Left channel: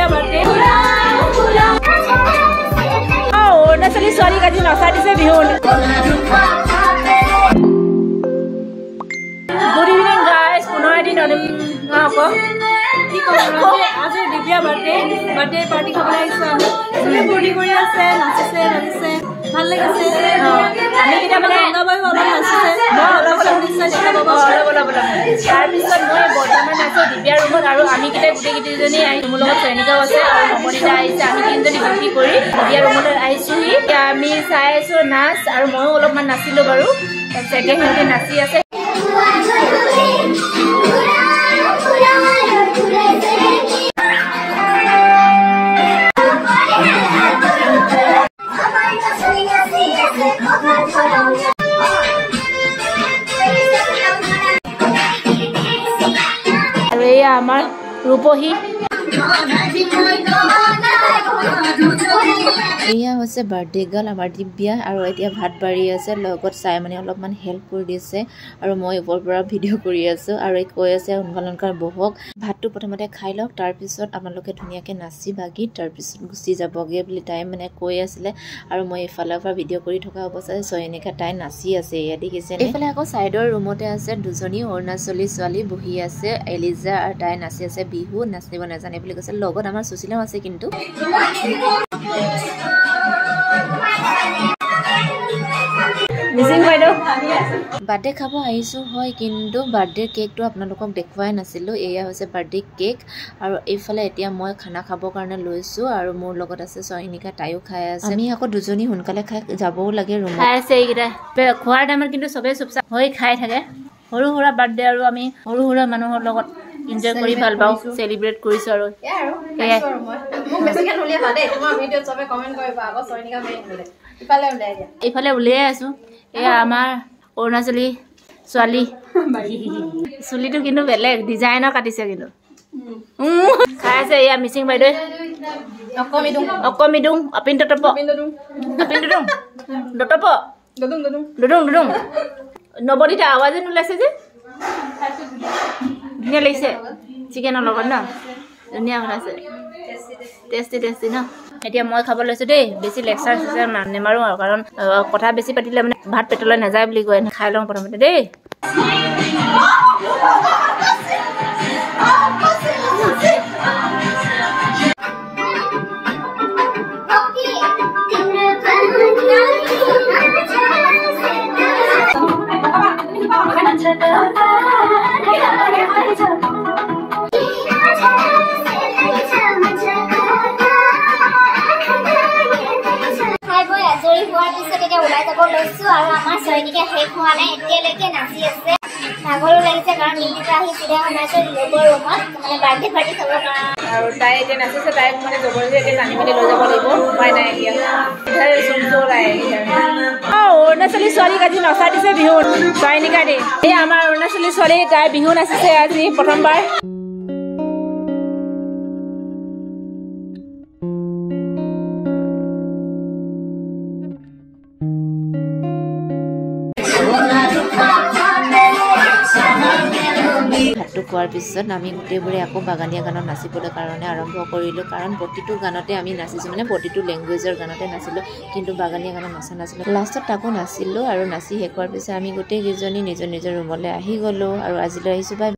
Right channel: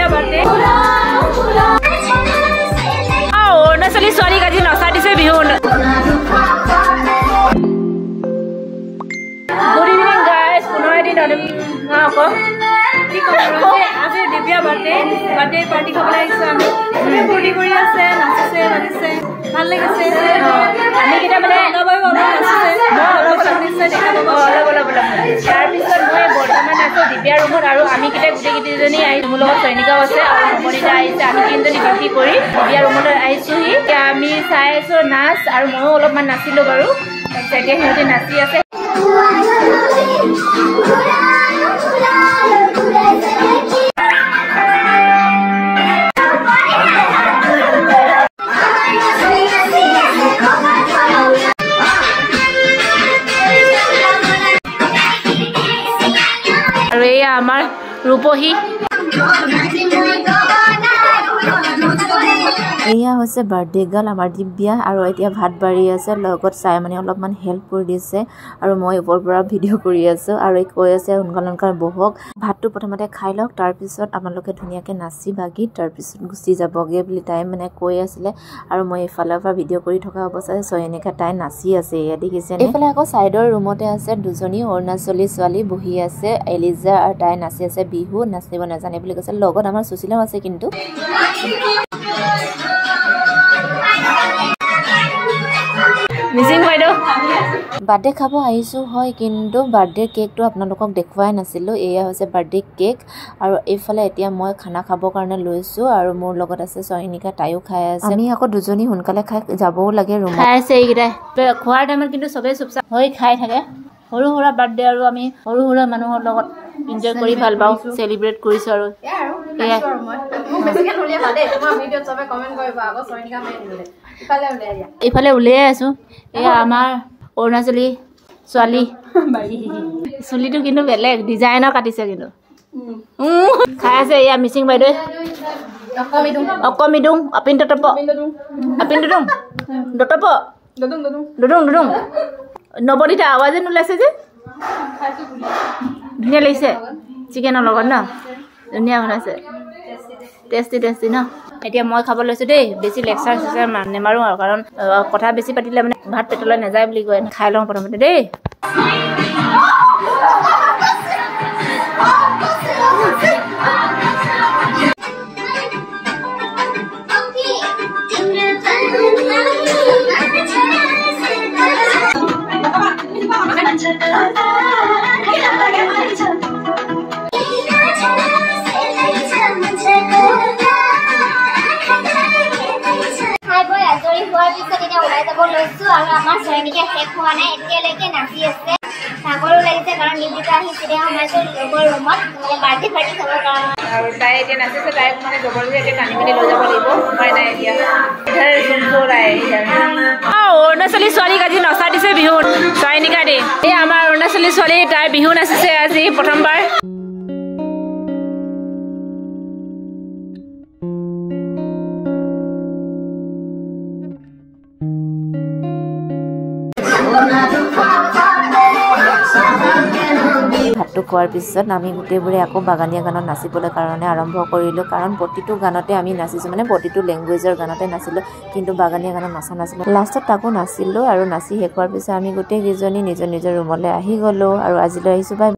Divya birthday অৰুণাচলী ছোৱালীক আজি নচা দিছে বিহু গুড ইভিনিং গাইজ পুনৰ এদিন আজি দিব্যা বাৰ্থডে পাৰ্টি খাবলৈ আহিছোঁ আমি চবেই ফূৰ্তি কৰি আছে নাচিছে বাজিছে ভাল লাগিছে আমি কেইটা মানে অলপ নাচিছে তাৰপিছত মই বৰ্তমান আছোঁ দিব্যাৰ ৰুমত আৰু আমি কেইটা গোটেইকেইজনী আহি মোৰ লগত চয়নিকাও আছে আৰু নৱনীতা আহিছে আমি তিনিজনী ডিউটি কৰি দিব্যাৰ ৰুমলৈ আহিছোঁহি এতিয়া আমি চাই আছোঁ নাচ আৰু ময়ো অলপমান নাচিলোঁ বাৰু তাৰপিছত এতিয়া সিহঁতে নাচি আছে আৰু এয়া আমাৰ ৰূপহী এয়া হৈছে বাৰ্থডে গাৰ্ল আমাৰ দিব্যা আৰু এতিয়া ভাত বাঢ়ি আছে লগত চাই মানে অলপমান হেল্প কৰি দিছে আৰু মই ওপৰৰ পৰা ভিডিঅ' কৰি আছোঁ আৰু কৈ আছে সোনকাল বহক ভাতটো প্ৰথমতে খাই লওক তাৰপিছত আপোনালোকে ধুনীয়াকৈ নাচি বাগি তাৰপিছত গুচি যাবগৈ বুলি তাই মানে কৈ আছিলে আৰু মই এইফালৰ পৰা ভিডিঅ' কৰি থকা অৱস্থাতে চয়নিকা তাই নাচি আছে এয়া দেখিছে এইফালে আকৌ ছাইডৰ ৰুমতে আছে দুজনী অৰুণাচলী ছোৱালী বহি আছে এলিজা আৰু তাই নাচি আছে বিহু নাচিব নাজানে বুলি কৈছে লগত আমাৰ সুশীলাও আছে কিন্তু বাৰ্থডে খাব আহিছোঁ হয় কিন্তু বাৰ্থডে কেকটো আপোনালোকক দেখুৱাই নাছিলোঁ এয়া হৈছে বাৰ্থডে কেক আৰু এইফালে এতিয়া মই খানা খাবৰ কাৰণে লৈছোঁ আৰু মোৰ লগত আছে চয়নিকা তাইও খাই আছে আমি আকৌ দুজনী সোনকালে খাই যাবও লাগে ৰুমত খাই আছে এইকেইটা খোৱাৰ টাইমত কিন্তু চবেই চুপচাপ হৈ খাই থাকে সৰু সুৰা বাৰ্থডে আৰু আমি সৰু সুৰা মানুহৰ লগত এনজয় কৰি ভাল পাওঁ চেলিব্ৰেট কৰিছোঁ আৰু এইফালে উলিয়াই আছোঁ এয়া আমাৰ অৰুণাচলী ছোৱালী চুলিটো কিন্তু বেলেগ ডিজাইনৰ কাটিছে কিন্তু খাই আছে এয়া মিচিং বাইদেউ অকমিদুং আপিন দতপ দতপ দুদুং নৱনীতা আৱাজে নোলাইছে যে ধুনীয়া লাগিছে চিকেনৰ লগত ন ধুনীয়া বনাইছে টেষ্টি ন এতিয়া মই খাব লৈছোঁ দেই বেছি লেকচাৰ চেকচাৰ নেমাৰোঁ আৰু কাৰণ কথা বেছি পাতিলে মানে ভাত পেটলৈ নাযায় বুলি কয় খাই লওঁ প্ৰথমতে দেই আৰু তাই এতিয়া নাচিছে তাইক মানে জবৰদস্তি এতিয়া টানি মেলি লৈ যাব লাগিব উপায় নাই এতিয়া অৰুণাচলী ছোৱালীক আজি নচা দিছে বিহু চয়নিকা দেই এই আমাৰ অৰুণাচলী ছোৱালী তাই বিহু নাচিছে আজি প্ৰথমবাৰ ভাতটো খোৱাৰ পিছত আমি গোটেইবোৰে আকৌ বাগানীয়া গানত নাচিবলৈ কাৰণে আৰম্ভ কৰিলোঁ কাৰণ প্ৰতিটো গানতে আমি নাচিছোঁ মানে প্ৰতিটো লেংগুৱেজৰ গানতে নাচিলোঁ কিন্তু বাগানীয়া গানত নচা নাছিলোঁ লাষ্টত তাকো নাচিলোঁ আৰু নাচি শেষ হোৱাৰ পিছত আমি গোটেইকেইজনী নিজৰ নিজৰ ৰুমলৈ আহি গ'লোঁ আৰু আজিলৈ আহিছোঁ বাই